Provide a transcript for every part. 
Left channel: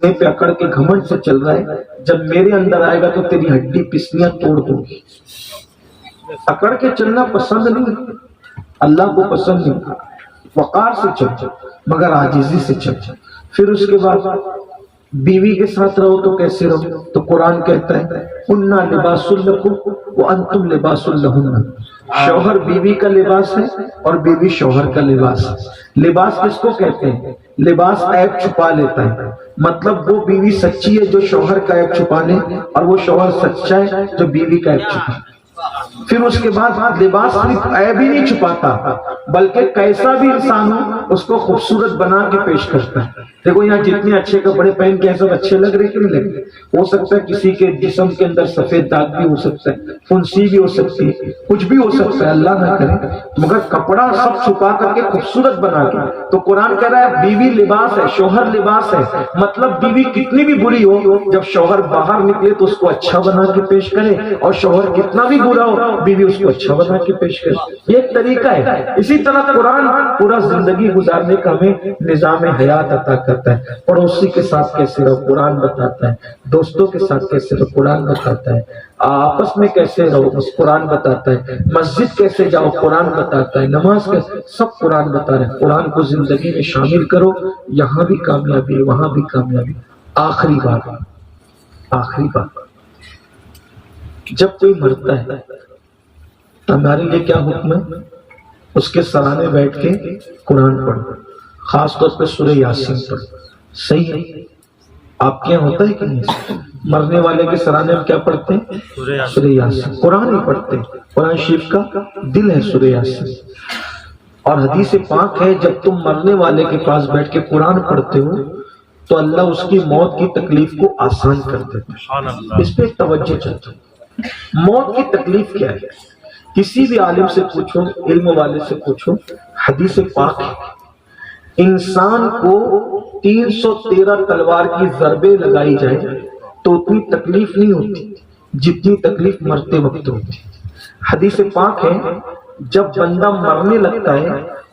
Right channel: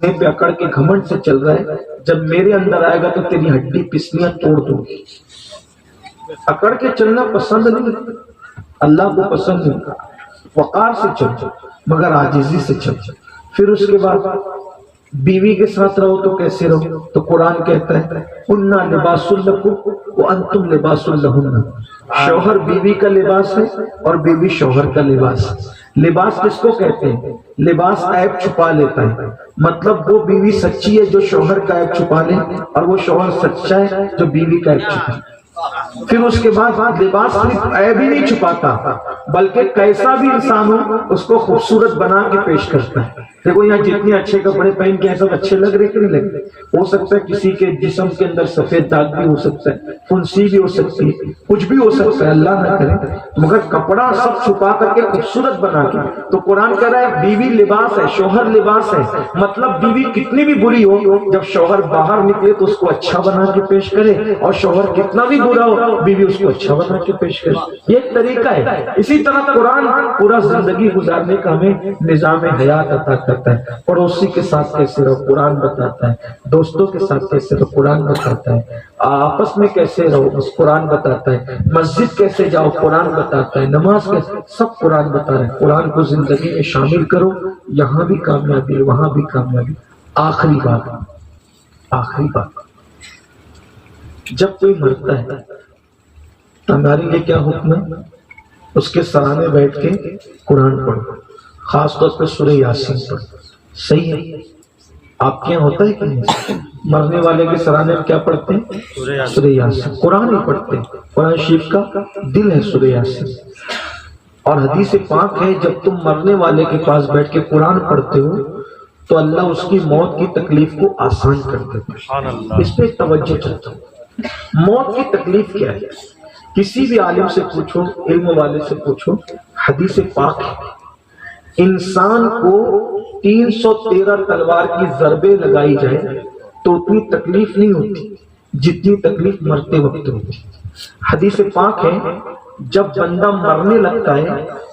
پہ اکڑ کے گھمنڈ سے چل رہا ہے، جب میرے اندر آئے گا تو تیری ہڈی پسلیاں توڑ دوں گی۔ اکڑ کے چلنا پسند نہیں، اللہ کو پسند نہیں، وقار سے چل مگر عاجزی سے چل۔ پھر اس کے بعد بیوی کے ساتھ رہو تو کیسے رہو؟ تو قرآن کہتا ہے اُنَّا لِبَاسٌ لَكُمْ وَأَنْتُمْ لِبَاسٌ لَهُنَّ، شوہر بیوی کا لباس ہے اور بیوی شوہر کا لباس ہے۔ لباس کس کو کہتے ہیں؟ لباس عیب چھپا لیتا ہے، مطلب وہ بیوی سچی ہے جو شوہر کا عیب چھپا لے، اور وہ شوہر سچا ہے جو بیوی کا عیب چھپا لے۔ پھر اس کے بعد لباس صرف عیب ہی نہیں چھپاتا بلکہ کیسا بھی انسان ہو اس کو خوبصورت بنا کے پیش کرتا ہے۔ دیکھو یہاں جتنے اچھے کپڑے پہن کے سب اچھے لگ رہے کہ نہیں لگ رہے؟ ہو سکتا ہے کسی کے جسم کے اندر سفید داغ بھی ہو سکتا ہے، فنسی بھی ہو سکتی ہے، کچھ بھی ہو سکتا ہے، اللہ نہ کرے، مگر کپڑا سب چھپا کر کے خوبصورت بنا کے۔ تو قرآن کہہ رہا ہے بیوی لباس ہے، شوہر لباس ہے، مطلب بیوی کتنی بھی بری ہو جب شوہر باہر نکلے تو اس کو اچھا بنا کے پیش کرے، اور شوہر کتنا بھی برا ہو بیوی اس کو اچھا بنا کے پیش کرے۔ یہ ایک طریقہ ہے۔ اسی طرح قرآن پورا زندگی گزارنے کا ہمیں نظام حیات عطا کرتا ہے۔ پڑوسی کے ساتھ کیسے رہو قرآن بتاتا ہے، دوستوں کے ساتھ کیسے رہو قرآن بتاتا ہے، آپس میں کیسے رہو بس قرآن بتاتا ہے، مسجد کیسے جاؤ قرآن بتاتا ہے، نماز کیسے، سب قرآن بتا رہے ہیں۔ قرآن کو زندگی میں شامل کرو، یہاں بھی کامیابی وہاں بھی کامیابی۔ آخری بات، جب کوئی مرتا ہے ہمارے لیے کیا حکم ہے؟ اس کے سرانے بیٹھ کے قرآن پڑھو، خاص طور پہ سورہ یاسین پڑھو۔ صحیح ہے؟ آپ کے یہاں ہوتا ہے کہ نہیں؟ مرنے والے کے سرانے ہم کیا پڑھتے ہیں؟ سورہ یاسین۔ قرآن ہی پڑھتے ہیں، قرآن شریف کا دل ہے سورہ یاسین۔ اور حدیث پاک ہے جب تم مرنے والے کے پاس بیٹھ کے قرآن پڑھتے ہو تو اللہ اس کی موت کی تکلیف کو آسان کر دیتا ہے۔ اس پہ توجہ چاہتا ہوں۔ موت کی تکلیف کیا ہے؟ کسی بھی عالم سے پوچھو، علم والے سے پوچھو، حدیث پاک ہے انسان کو 313 تلوار کی ضربیں لگائی جائے تو اتنی تکلیف نہیں ہوتی جتنی تکلیف مرتے وقت ہوتی۔ حدیث پاک ہے جب بندہ مرنے لگتا ہے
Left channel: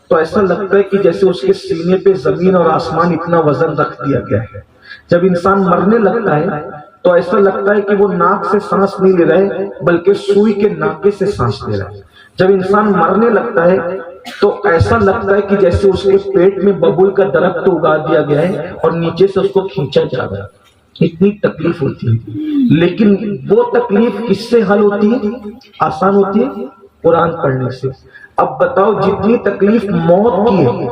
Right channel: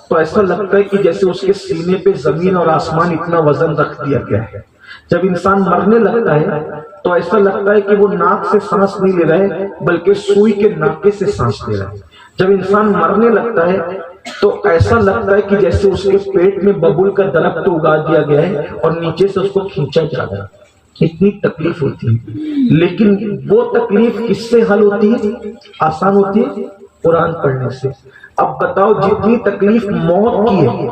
تو ایسا لگتا ہے کہ جیسے اس کے سینے پہ زمین اور آسمان اتنا وزن رکھ دیا گیا ہے۔ جب انسان مرنے لگتا ہے تو ایسا لگتا ہے کہ وہ ناک سے سانس نہیں لے رہا ہے بلکہ سوئی کے ناکے سے سانس لے رہا ہے۔ جب انسان مرنے لگتا ہے تو ایسا لگتا ہے کہ جیسے اس کے پیٹ میں ببول کا درخت اگا دیا گیا ہے اور نیچے سے اس کو کھینچا جا رہا ہے۔ اتنی تکلیف ہوتی ہے، لیکن وہ تکلیف کس سے حل ہوتی ہے؟ آسان ہوتی ہے قرآن پڑھنے سے۔ اب بتاؤ جتنی تکلیف موت کی ہے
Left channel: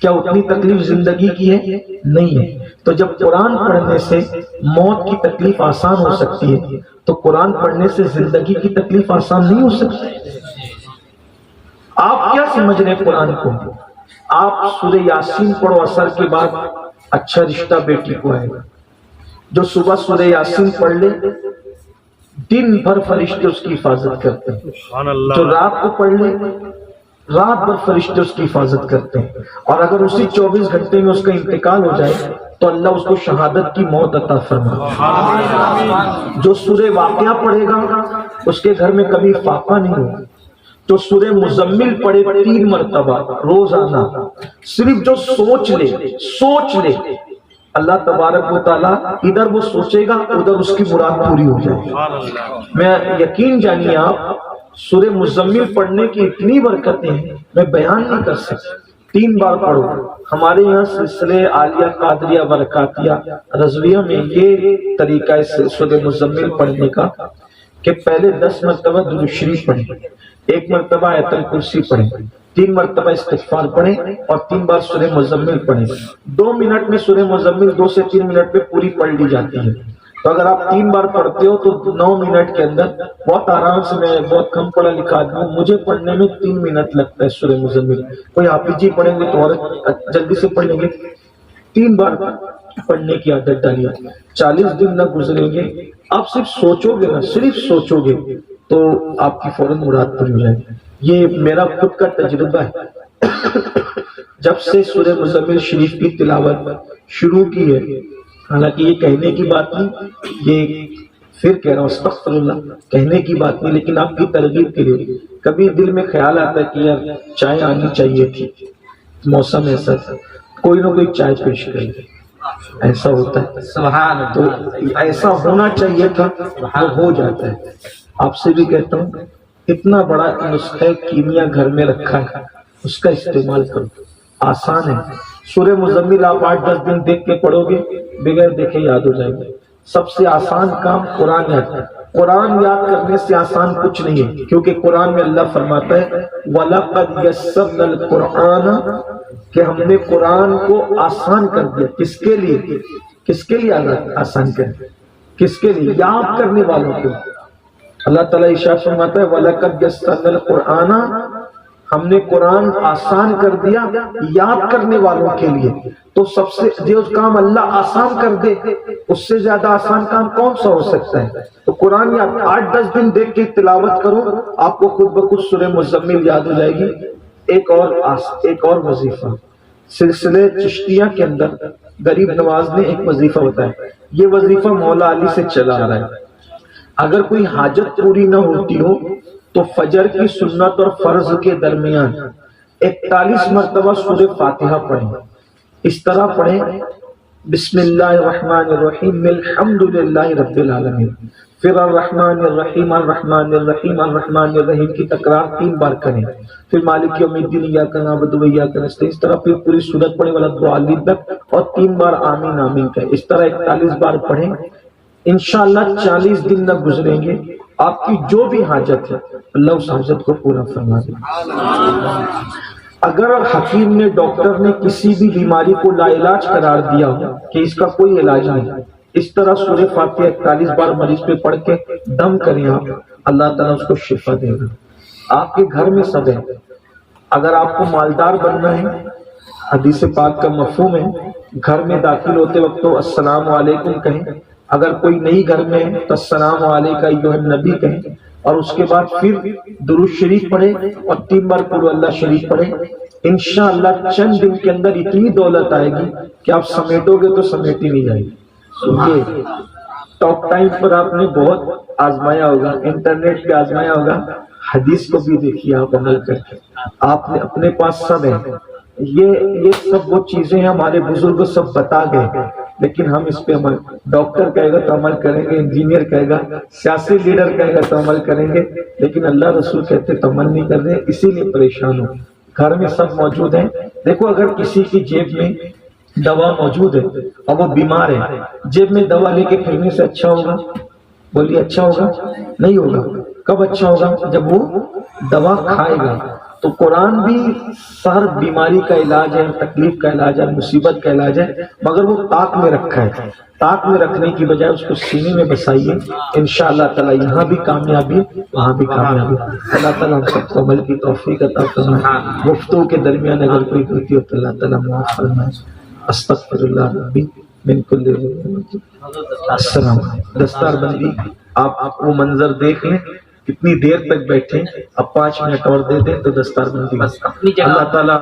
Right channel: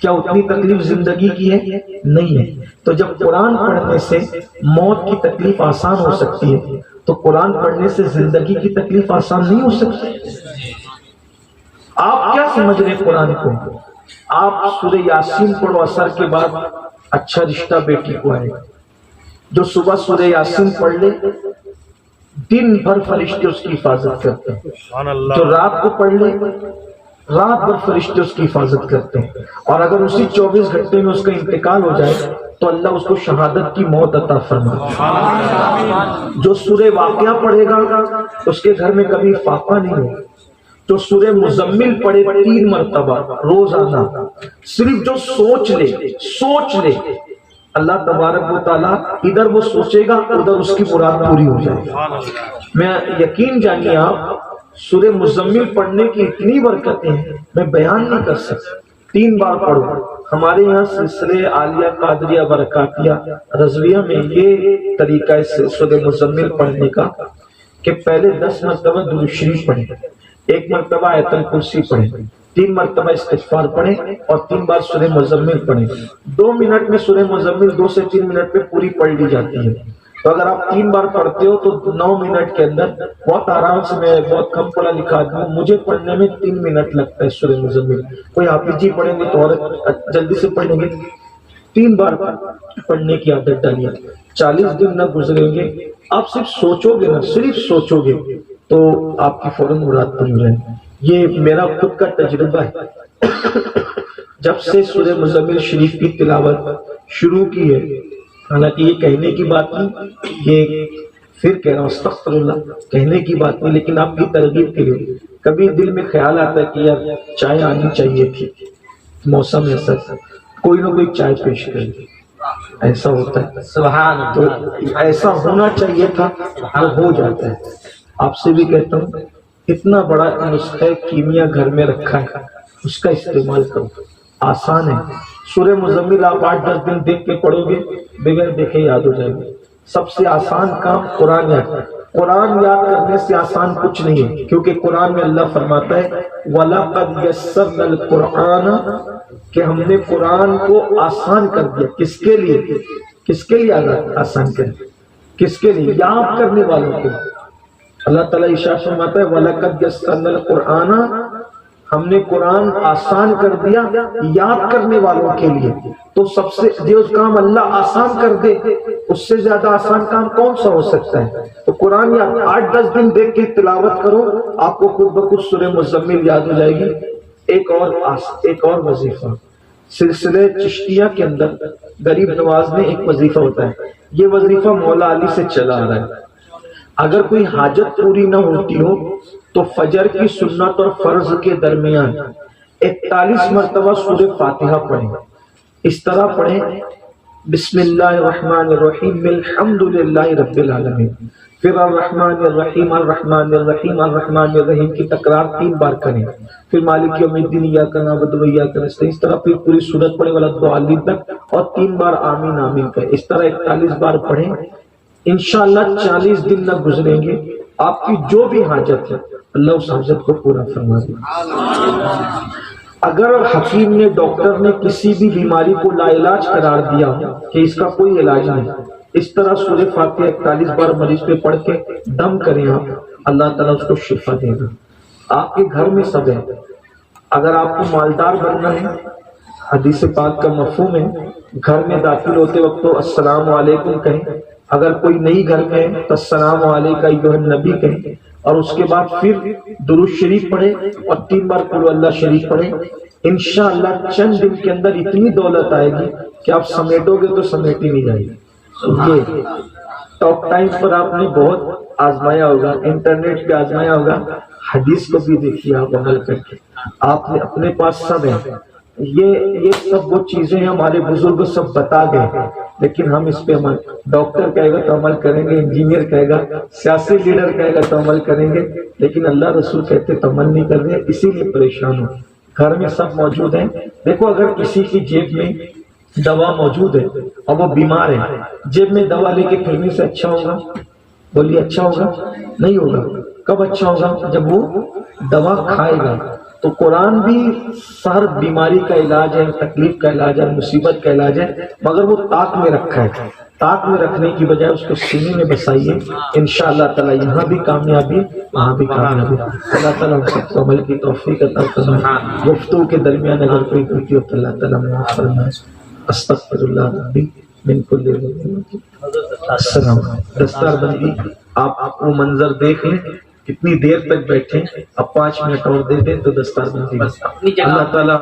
کیا اتنی تکلیف زندگی کی ہے؟ نہیں ہے۔ تو جب قرآن پڑھنے سے موت کی تکلیف آسان ہو سکتی ہے تو قرآن پڑھنے سے زندگی کی تکلیف آسان نہیں ہو سکتی۔ آپ کیا سمجھ رہے ہیں قرآن کو؟ آپ سورہ یاسین پڑھو، اثر کے بعد اچھا رشتہ بیٹی کو آئے گا۔ جو صبح سورہ یاسین پڑھ لے دن بھر فرشتے اس کی حفاظت کرتے ہیں، جو رات کو پڑھ لے رات بھر فرشتے اس کی حفاظت کرتے ہیں، اور اگر اسی 24 گھنٹے میں اس کا انتقال ہو جائے تو اللہ اس کو شہادت کی موت عطا فرماتا ہے۔ جو سورہ واقعہ پڑھے گا اس کے گھر میں کبھی فاقہ نہیں ہوگا۔ جو سورہ مزمل پڑھے 3 مرتبہ روزانہ، صرف جو سوچ لے اللہ تبارک و تعالیٰ ادھر وہ سوچے گا ادھر اس کی مراد پوری ہو جائے گی۔ میں یقین جانیے آپ سورہ مزمل پڑھنے کی اتنی برکتیں ہیں میں بیان نہیں کر سکتا۔ 3 بار پڑھو۔ ہمارے یہاں سلسلے عالیہ قادریہ برکاتیہ رضویہ میں یہ طریقہ ہے سورہ مزمل پڑھنے کا کہ پہلے 10 مرتبہ درود شریف پڑھیں، 1 مرتبہ آیت الکرسی پڑھیں، 3 مرتبہ استغفار پڑھیں اور 3 بار سورہ مزمل پڑھیں۔ 2 منٹ میں سورہ مزمل 2 سے 3 منٹ میں پوری پڑھ لی جاتی ہے۔ تو اگر آپ 3 بار پڑھتے ہو تو 9 منٹ کے اندر بہت آرام سے، میں بہت کم پڑھا لکھا آدمی ہوں، مجھے پڑھنے میں 3 منٹ لگتا ہے سورہ مزمل۔ کوئی حافظ جی پڑھیں گے تو اور جلدی سے پڑھ لیں گے۔ 3 بار پڑھنے کی عادت ڈالیے، 40 دن نہ گزریں گے آپ صرف سوچو گے نا، صرف سوچو گے تو آپ کی فوراً مراد پوری ہو جائے۔ یہ میرا خود کا تجربہ ہے۔ جب سے سورہ مزمل شریف کی تلاوت شروع کی ہے، حالانکہ یہ کہنے کی بات نہیں، یہ پھر کہہ رہا ہوں استغفر اللہ، کہنے کی بات نہیں، لیکن آپ کی ترغیب کے لیے کبھی دل میں خیال آتا ہے کہ یار چائے آنی چاہیے تھی، موسم ایسا تھا، کوئی نہ کوئی چائے پیش کرے۔ ایسا ہوتا ہے سبحان تو اللہ. ایسا ہونا چاہیے تھا، وہ ہو جاتا ہے. آپ سے بھی کہتا ہوں، اتنا بڑا نسخہ کیمیا گھر میں رکھا ہے، اس کا استعمال کرو. آسان ہے. سورہ مزمل آپ 8-10 دن دیکھ کے پڑھو گے، بغیر دیکھے یاد ہو جائے گا. سب سے آسان کام قرآن ہے. قرآن یاد کرنے سے آسان کچھ نہیں ہے، کیونکہ قرآن میں اللہ فرماتا ہے وَلَقَدْ يَسَّرْنَا الْقُرْآنَ، کہ ہم نے قرآن کو آسان کر دیا. کس کے لیے؟ کس کے لیے آسان کر دیا؟ کس کے لیے؟ یاد کرنے والوں کے. اللہ تعالیٰ ارشاد فرماتا ہے وَلَقَدْ يَسَّرْنَا الْقُرْآنَ، ہم نے قرآن آسان کر دیا یاد کرنے والوں کے لیے. تو سب سے جو کام اللہ آسان کر دے، اس سے زیادہ آسان کام کون سا ہو سکتا ہے؟ تو قرآن یا 8-10 دن دیکھ کے تلاوت کرو، آپ کو خود بخود سورہ مزمل یاد ہو جائے گی. ایک اور وظیفہ سلسلے چشتیہ کے اندر غریب نواز نے ایک وظیفہ ہوتا ہے. یہ وظیفہ مولا علی سے چلا آ رہا ہے. اگر کوئی حاجت پوری نہ ہوتی ہو تو فجر کی سنت اور فرض کے درمیان 41 مرتبہ سورہ فاتحہ پڑھیں. اس طرح پڑھیں بسم اللہ الرحمن الرحیم الحمد للہ رب العالمین، پھر الرحمن الرحیم الرحمن الرحیم الرحمن الرحیم کی تکرار 3 بار کریں، پھر مالک یوم الدین ایاک نعبد و ایاک نستعین. اس طرح پھر پوری سورت پڑھیں والضالین تک، اور 3 بار آمین آمین کہیں. اس طرح 41 بار پڑھیں. انشاءاللہ 40 دن نہ گزریں گے، آپ کی جو بھی حاجت ہے اللہ اس حاجت کو پورا فرما دے. اگر حکیم نے، ڈاکٹر نے کسی بھی بیماری کو لا علاج قرار دیا کہ اس کا کوئی علاج نہیں، اس طرح سورہ فاتحہ 41 بار مریض پہ پڑھ کے دم کریں آپ، اللہ تعالیٰ اس کو شفا دے گا. آپ کے گھر میں سب ہے. اگر آپ کو مالدار بننا ہے، حدیث پاک کا مفہوم ہے گھر میں داخل ہوتے وقت تو السلام علیکم کہیں. اگر کوئی نئی گھر میں ہے تو السلام علیکم ایھا النبی کہیں، اور اس کے بعد پھر درود شریف پڑھے اور 3 بار قل اللہ شریف پڑھے. انشاءاللہ چند دن کے اندر اتنی دولت آئے گی کہ آپ سمیٹو گے تو سمیٹی نہیں جائے گی. یہ ٹاک ٹائم پر آپ نے بہت آزمایا ہوگا، انٹرنیٹ پہ آزمایا ہوگا، حدیث کو بھی دیکھیے آپ عمل کر کے. آپ نے اپنے پاس سب ہے. یہ سب وہ چیزیں ہمارے بزرگ سب بتا گئے، لیکن ہم اس پہ عمل، ڈاکٹر کہے گا تو عمل کریں گے، انجینئر کہے گا، سیاسی لیڈر کہے گا تو عمل کریں گے، لیکن اللہ رسول کہتے تو عمل نہیں کر رہے، اسی لیے پریشان ہو. گھر میں سب موجود ہیں. دیکھو اگر کسی کی جیب میں دوا موجود ہے اور وہ بیمار ہے، جیب میں دوا لے کے پھرنے سے اچھا ہوگا؟ بولیے اچھا ہوگا؟ نہیں ہوگا. کب اچھا ہوگا؟ جب وہ دوا کھائے گا. تو قرآن بھی ہر بیماری کا علاج ہے، تکلیف کا علاج ہے، مصیبت کا علاج ہے، مگر وہ طاق میں رکھا ہے. طاق میں رکھنے کی بجائے اس کو سینے میں بسائیے. انشاءاللہ تعالیٰ یہاں بھی کامیابی، وہاں بھی کامیابی. اللہ تعالیٰ ہم سب کو عمل کی توفیق عطا فرمائے. گفتگو کے درمیان اگر کوئی غلطی ہو تو اللہ تعالیٰ معاف فرمائے. استغفر اللہ ربی من کل ذنب. السلام علیکم. دستار بندی آپ وہ منظر دیکھ لیں کتنی دیر تک بیٹھے. اب 5 منٹ اور دے دیں تو دستار بندی. اللہ تعالیٰ